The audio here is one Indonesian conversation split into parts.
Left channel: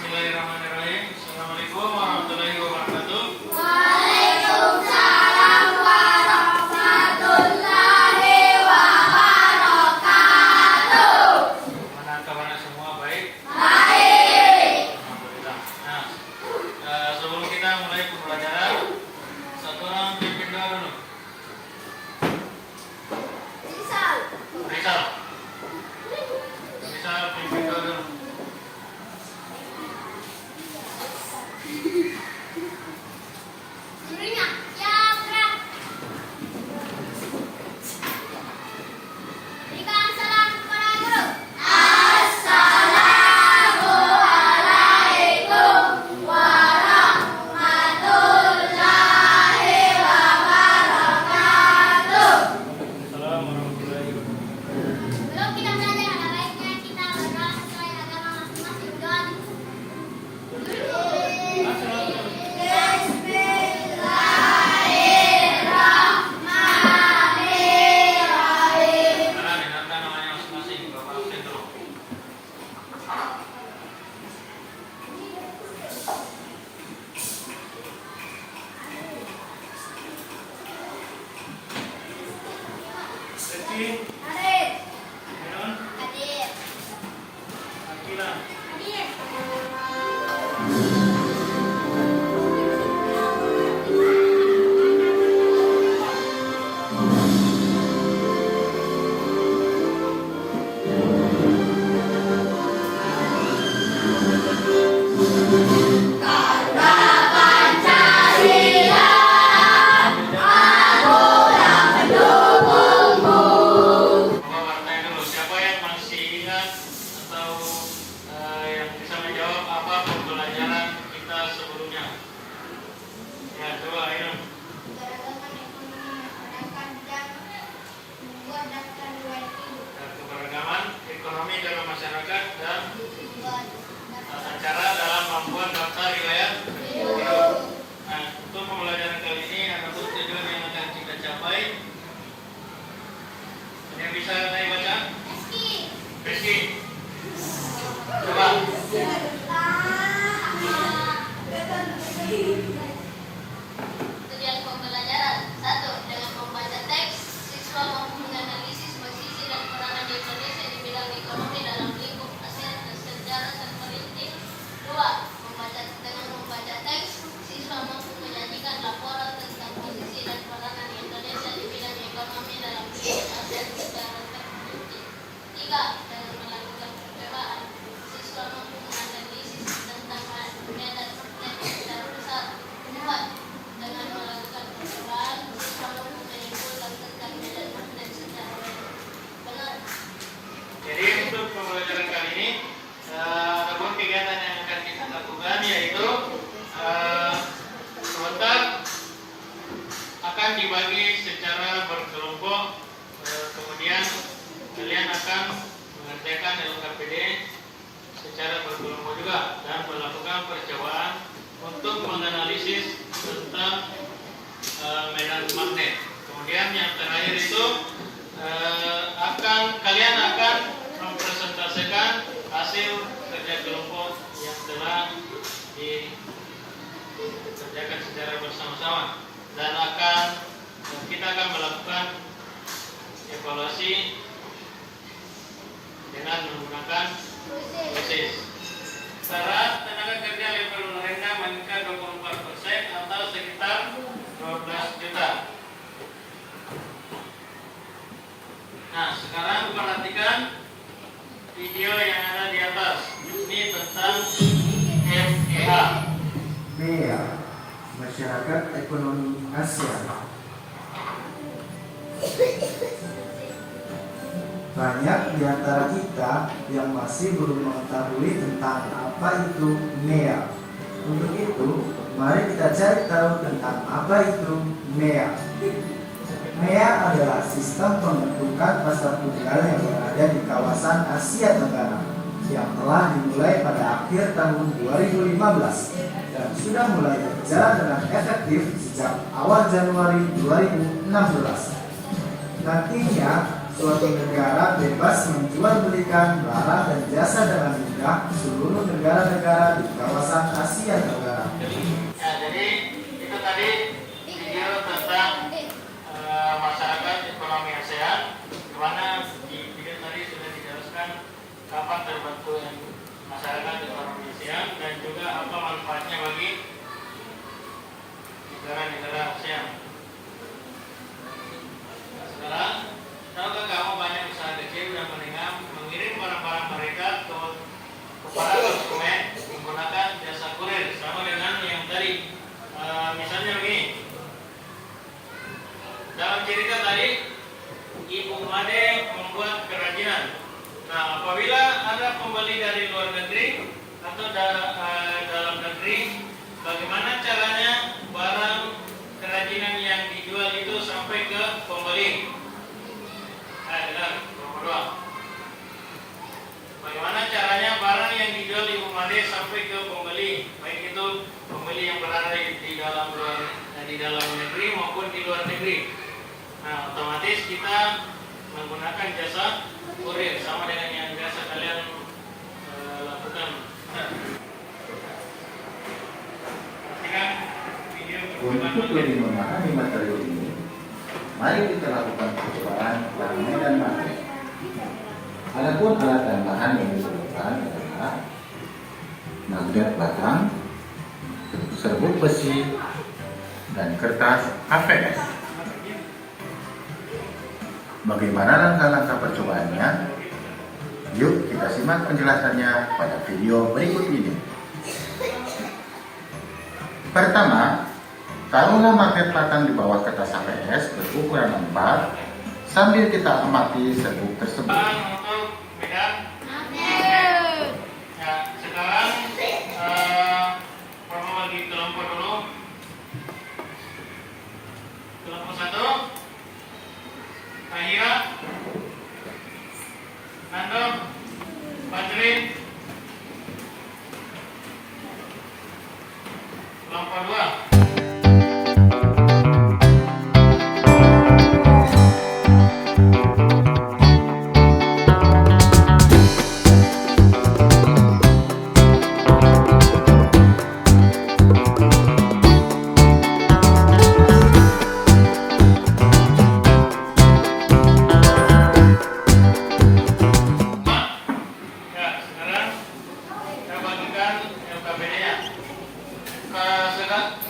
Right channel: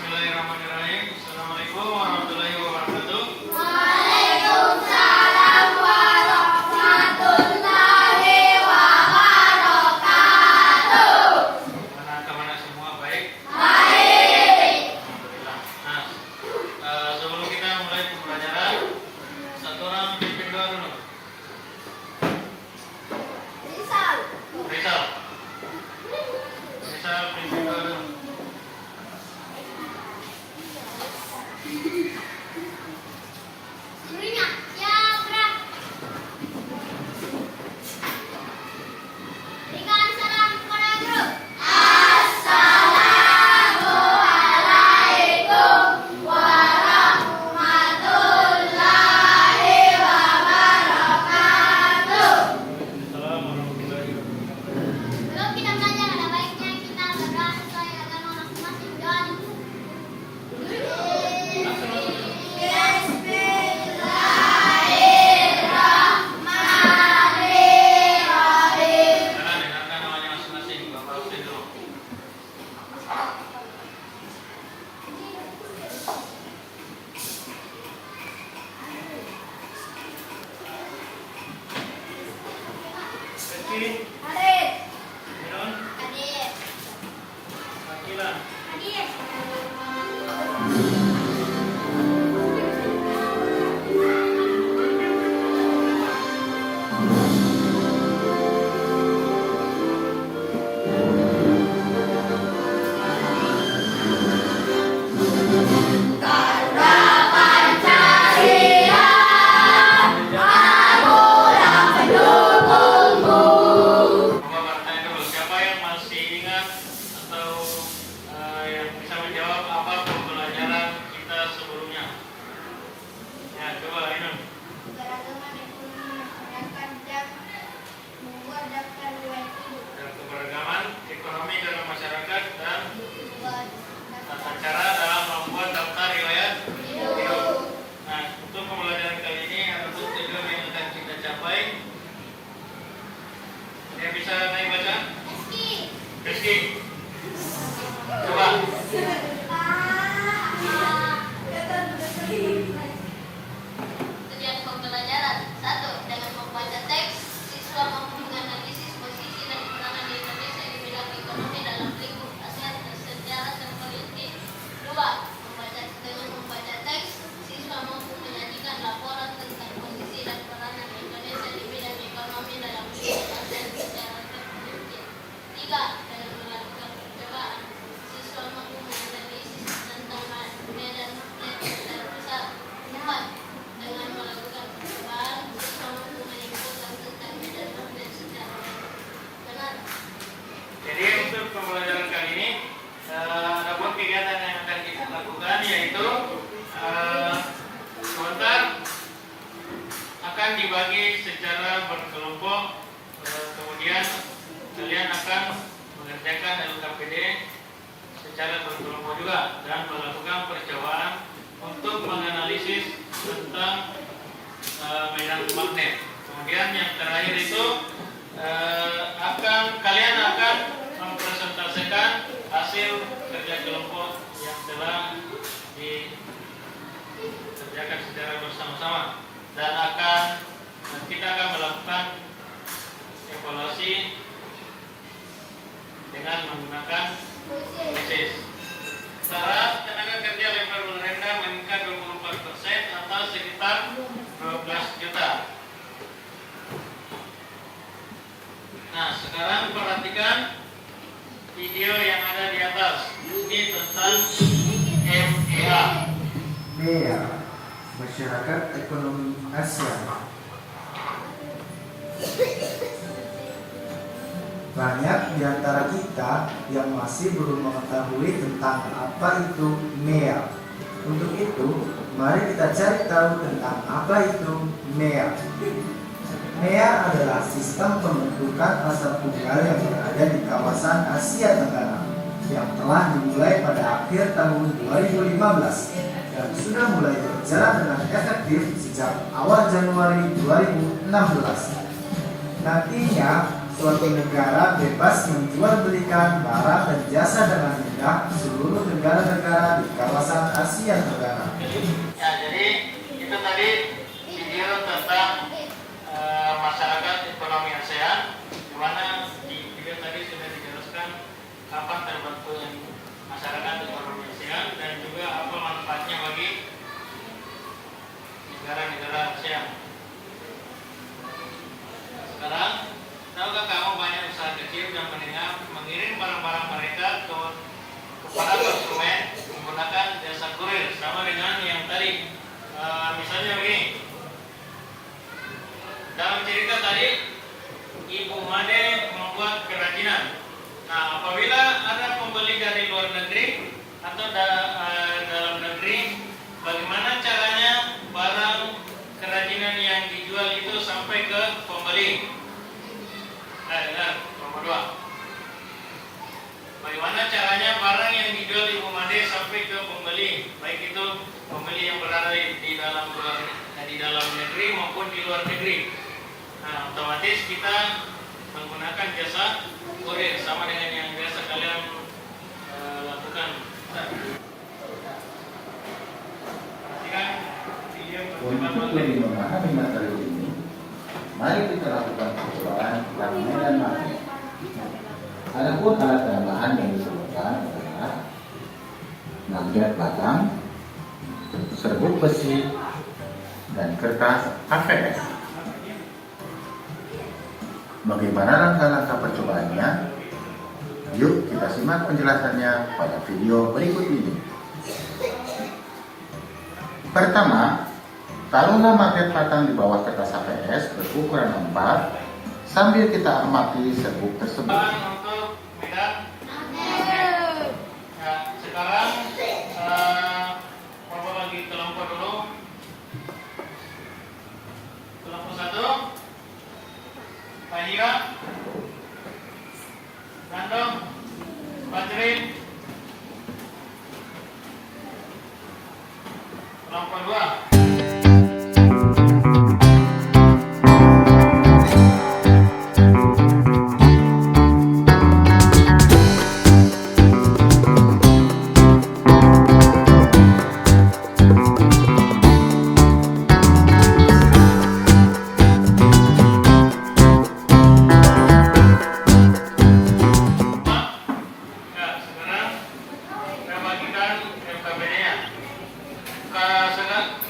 Bismillahirrahmanirrahim. Assalamualaikum warahmatullahi wabarakatuh. Waalaikumsalam warahmatullahi wabarakatuh. Kabar semua baik? Baik. Alhamdulillah. Nah, sebelum kita mulai pembelajaran, satu orang pimpin doa dulu. Rizal pimpin doa dulu. Jurinya, ya gerak. Berikan salam kepada guru. Assalamualaikum warahmatullahi wabarakatuh. Assalamualaikum warahmatullahi wabarakatuh. Belum kita belajar, ada baiknya kita berdoa sesuai agama masing-masing. Doa dulu. Karena dengarkan namanya masing-masing. Bapak absen dulu. Rizky, Hadir. Irun, Hadir. Akila. Hadir. Bapak bertanya dulu, siapa yang masih ingat atau yang bisa menjawab apa pembelajaran kita sebelumnya? Ya, coba Irun. Keragaman ekonomi masyarakat dan membuat daftar riwayat hidup. Keberagaman ekonomi dalam masyarakat dan Membuat daftar cara dalam membuat daftar riwayat hidup. hidup. Nah, untuk pembelajaran kali ini ada tujuan yang akan kita capai. Yang bisa naik baca? Meski Rizky, coba. tujuan pembelajaran 1. Dengan membaca teks, siswa mampu menganalisis posisi dan peranan Indonesia di bidang ekonomi dalam lingkup Asia dan sejarah dan politik. 2. Dengan membaca teks, siswa mampu menyajikan laporan tentang posisi dan peranan Indonesia di bidang ekonomi dalam lingkup Asia dan sejarah dan politik. 3. Dengan melakukan percobaan, siswa mampu menganalisis tentang medan magnet secara besar. 4. Dengan melakukan percobaan, siswa mampu menyimpulkan tentang medan magnet secara benar. Jadi untuk pembelajaran kali ini ada pun kegiatan yang akan kita lakukan, yaitu sebentar akan dibagi secara berkelompok, kemudian kalian akan mengerjakan LKPD secara berkelompok juga dan melakukan percobaan untuk menganalisis tentang medan magnet. Kemudian yang terakhir itu kalian akan mempresentasikan hasil kerja kelompok yang telah dikerjakan secara bersama-sama dan kita akan melakukan evaluasi dengan menggunakan tesis. Syarat tenaga kerja level rendah meningkat 24% atau sekitar 12 juta. Nah, sekarang perhatikan video yang ada di atas. Ini tentang MEA. MEA, Masyarakat Ekonomi Asia. Banyak di antara kita yang masih belum mengetahui tentang apa itu MEA. Untuk itu, mari kita cari tahu tentang apa itu MEA. MEA adalah sistem pembentukan pasar tunggal yang berada di kawasan Asia Tenggara yang telah dimulai pada akhir tahun 2015 dan sudah mulai berjalan dengan efektif sejak awal Januari 2016. Nantinya suatu negara bebas menjual belikan barang dan jasa dengan mudah seluruh negara-negara di kawasan Asia Tenggara. Ya, jadi itu tadi video tentang masyarakat ekonomi ASEAN, di mana di video tadi sudah dijelaskan kapan terbentuk masyarakat ekonomi ASEAN dan juga apa manfaatnya bagi negara-negara ASEAN. Sekarang, tahukah kamu banyak usaha kecil dan menengah mengirim barang-barang mereka kepada konsumen menggunakan jasa kurir, sama dengan yang tadi. Misalnya begini, dalam cerita tadi, Ibu Made membuat kerajinan. Nah, apabila ada pembeli dari luar negeri atau dalam negeri, bagaimana caranya barang kerajinan yang dijual itu sampai ke pembeli? Nomor 2. Bagaimana caranya barang yang dijual Ibu Made sampai ke pembeli, baik itu pembeli yang berada di dalam negeri maupun di luar negeri? Nah, otomatis kita menggunakan jasa kurir, sama dengan yang biasa kalian lakukan. Untuk lebih memahami materi ini, mari kita lakukan percobaan yang medan magnet. Adapun alat dan bahan yang diperlukan adalah magnet batang, serbuk besi, dan kertas AVS. Bagaimana langkah-langkah percobaannya? Yuk kita simak penjelasannya pada video berikut ini. Pertama, taruhlah magnet batang di bawah kertas AVS berukuran 4 sambil kita amati serbuk tersebut. Untuk medan magnet. Ya, sekarang Bapak bagi kelompok dulu. Kelompok 1, Fahira, Nando, Badrin. Kelompok 2.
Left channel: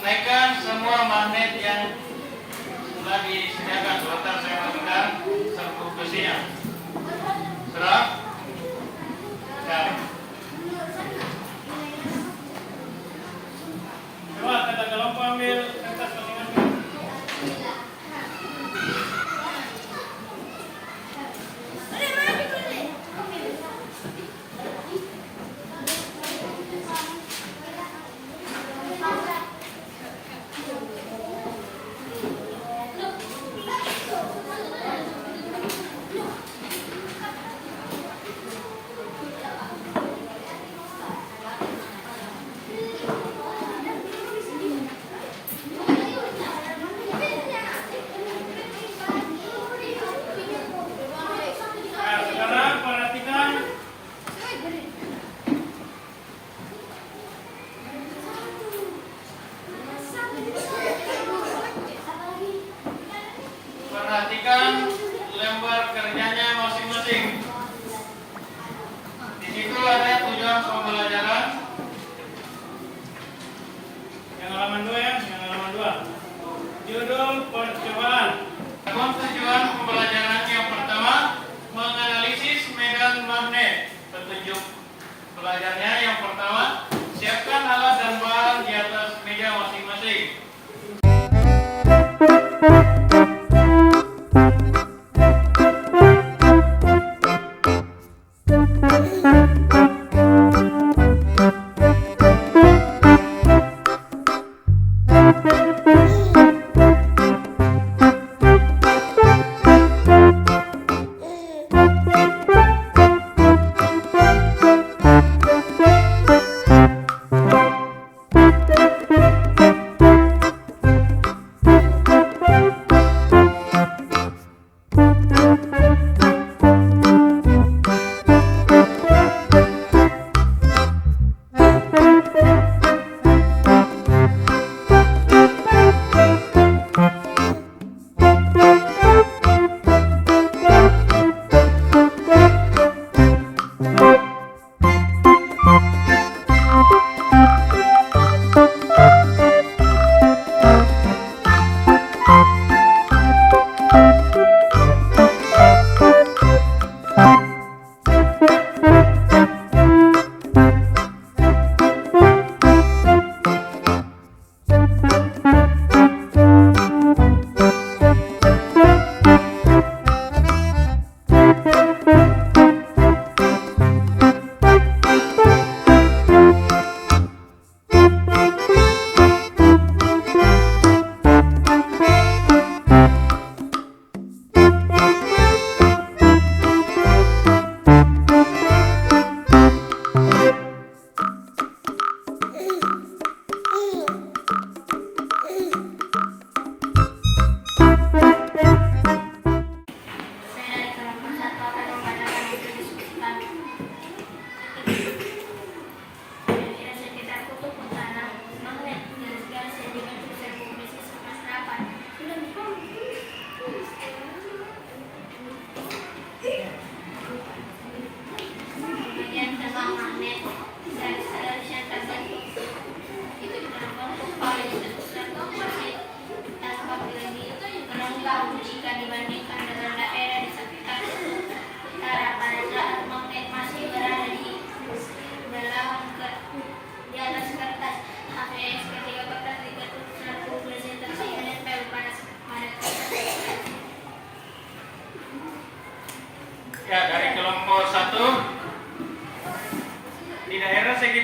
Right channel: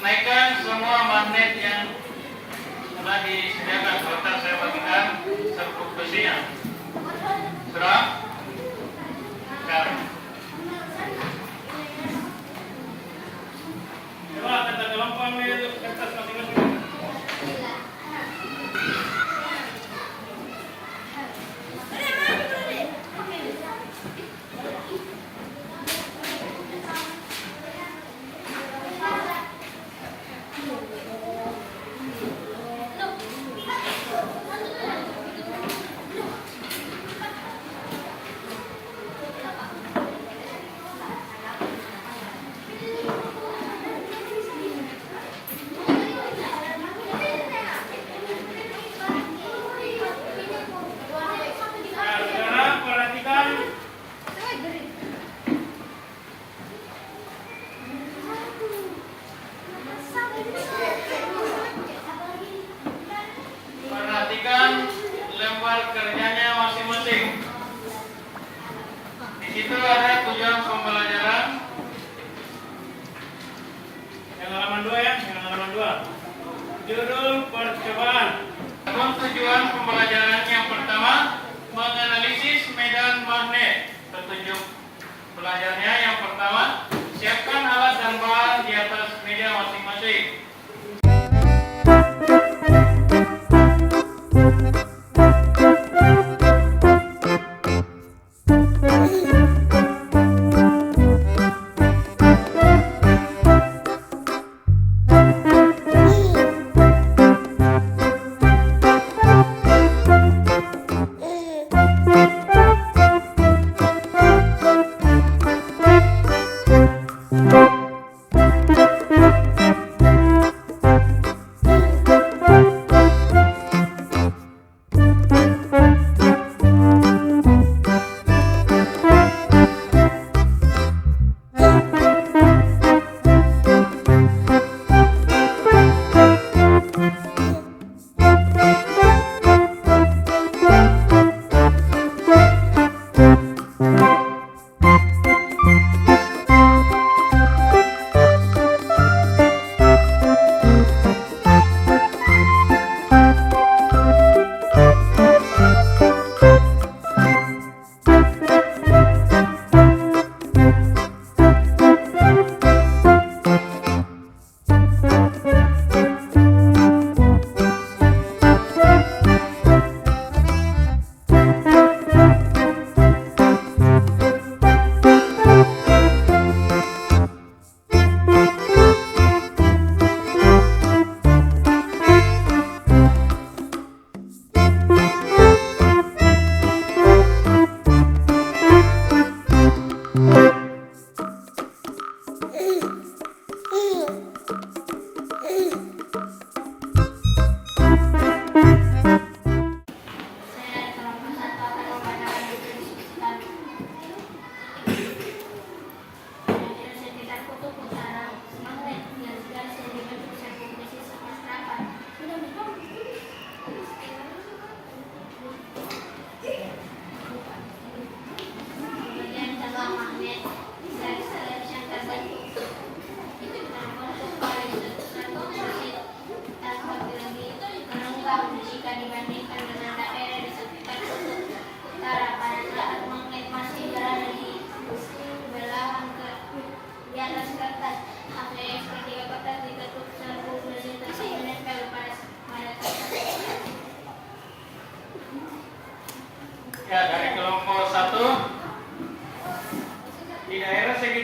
Naikkan semua magnet yang sudah disediakan. Sebentar saya bagikan serbuk besinya. Sudah? Ya. Coba kata kelompok ambil kertas masing-masing. Perhatikan lembar kerjanya masing-masing. Di situ ada tujuan pembelajaran. Yang halaman 2 ya, yang halaman 2. Judul percobaan. Adapun tujuan pembelajaran yang pertama, menganalisis medan magnet. Petunjuk belajarnya yang pertama, siapkan alat dan bahan di atas meja masing-masing.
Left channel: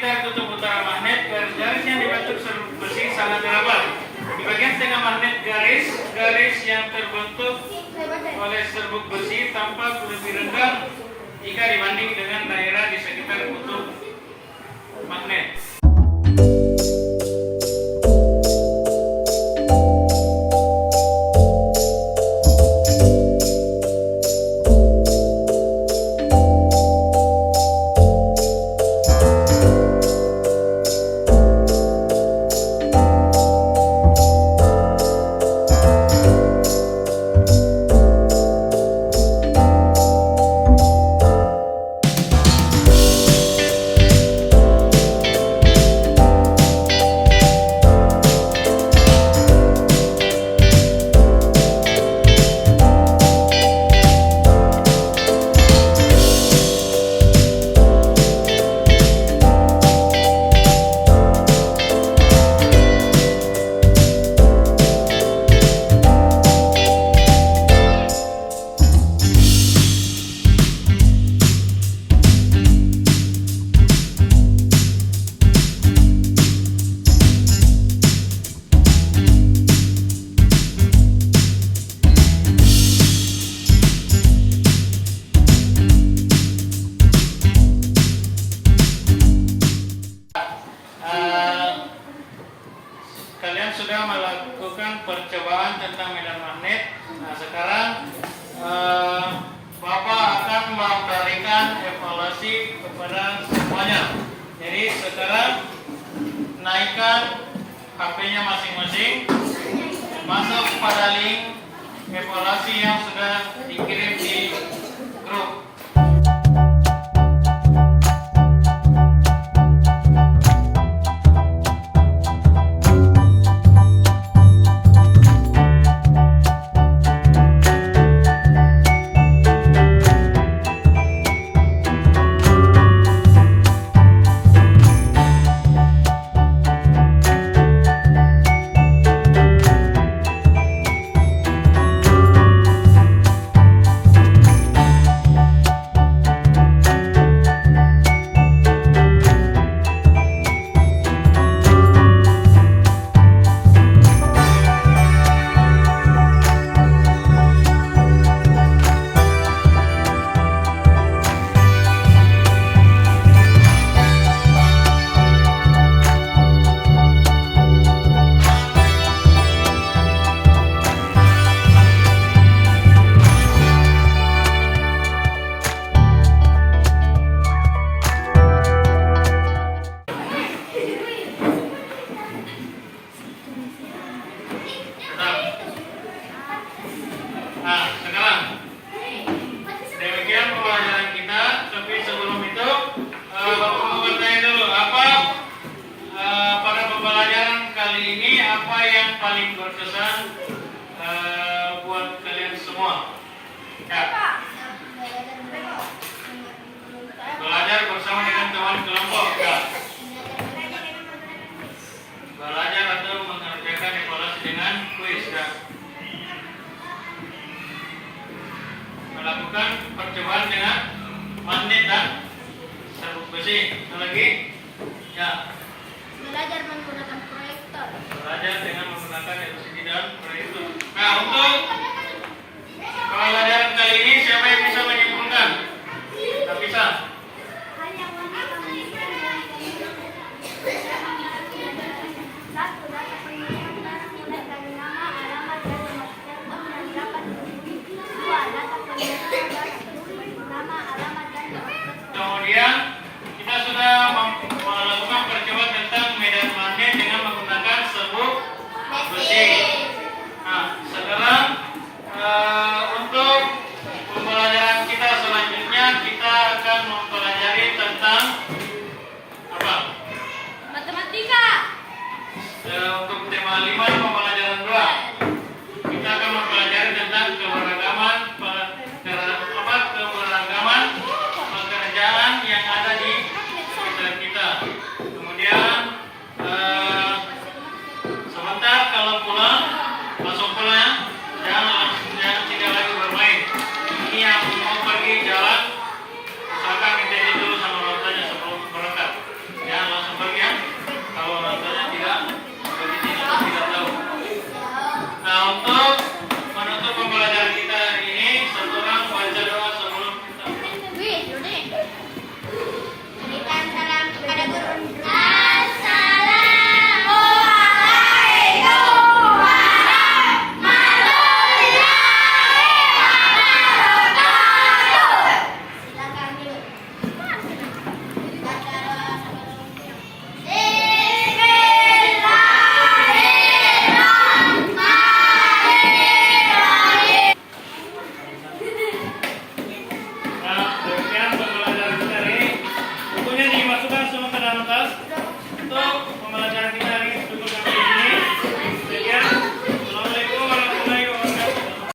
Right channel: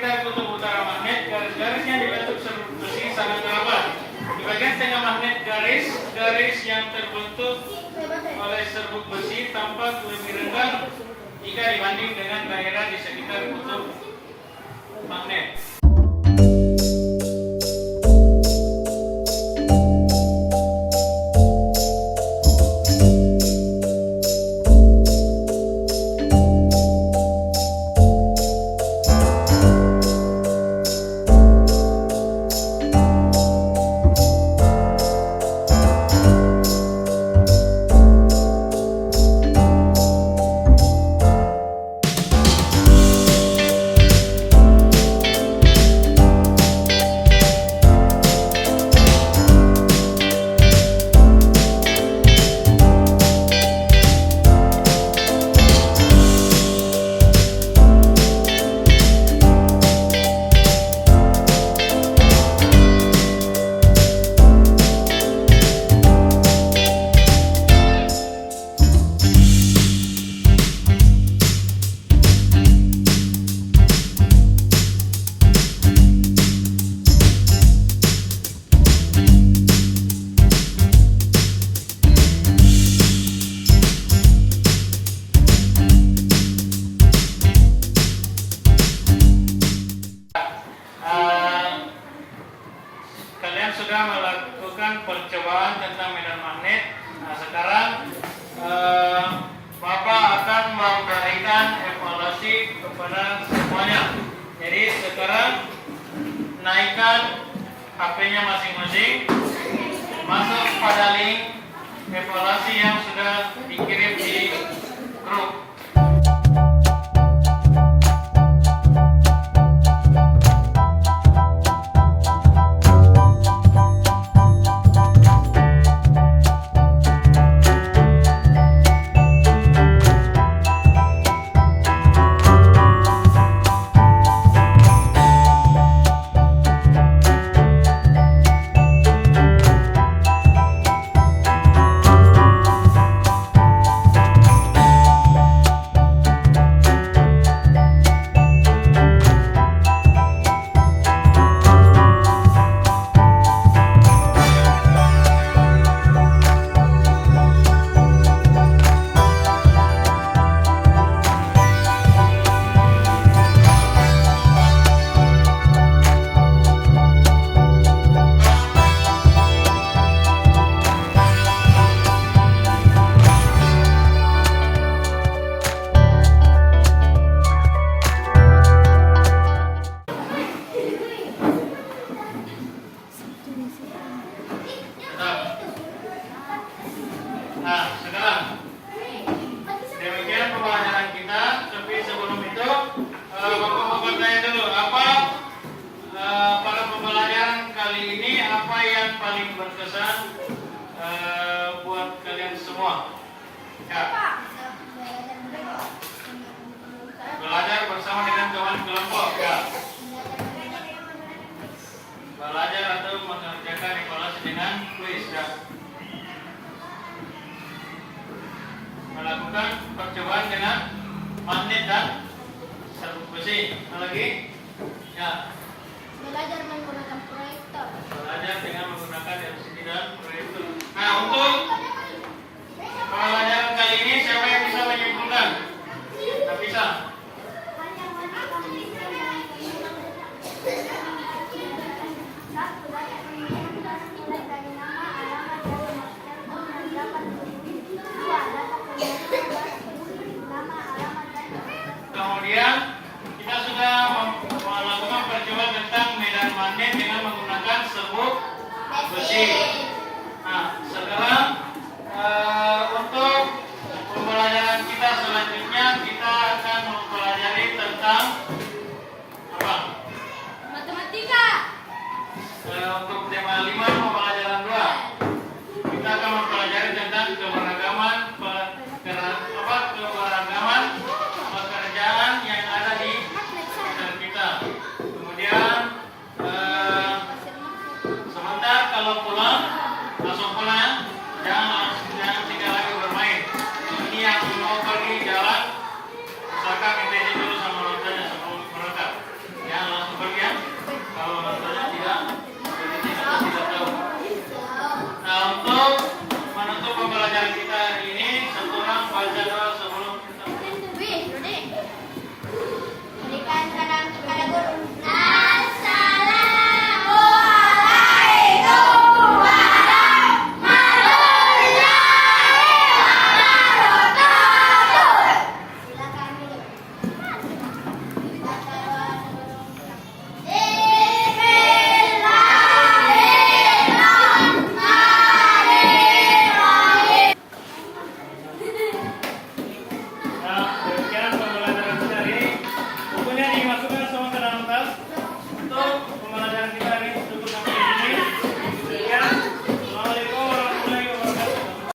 sekitar kutub utara magnet, garis-garisnya dibentuk serbuk besi sangat rapat. Di bagian tengah magnet garis yang terbentuk oleh serbuk besi tampak lebih rendah jika dibanding dengan daerah di sekitar kutub magnet. Kalian sudah melakukan percobaan tentang medan magnet. Nah, sekarang Bapak akan memberikan evaluasi kepada semuanya. Jadi sekarang naikkan HP-nya masing-masing, masuk pada link evaluasi yang sudah dikirim di grup. Nah, sekarang demikian pembelajaran kita. Tapi sebelum itu, Bapak mau bertanya dulu, pada pembelajaran kali ini apa yang paling berkesan buat kalian semua? Ya. Belajar bersama dengan teman kelompok. Ya. Belajar atau mengerjakan evaluasi dengan kuis. Ya. Melakukan percobaan dengan magnet dan serbuk besi. Apa lagi? Ya. Belajar menggunakan proyektor. Belajar dengan menggunakan LCD dan proyektor. Nah, untuk pembelajaran kali ini siapa yang bisa menyimpulkan? Tak bisa. Satu, data pengiriman barang mulai dari nama, alamat, dan nomor telepon yang dapat dihubungi. Dua, data pengiriman barang nama, alamat, dan nomor telepon. Kemudian kita sudah melakukan percobaan tentang medan magnet dengan menggunakan serbuk besi. Nah, sekarang Kalau rasanya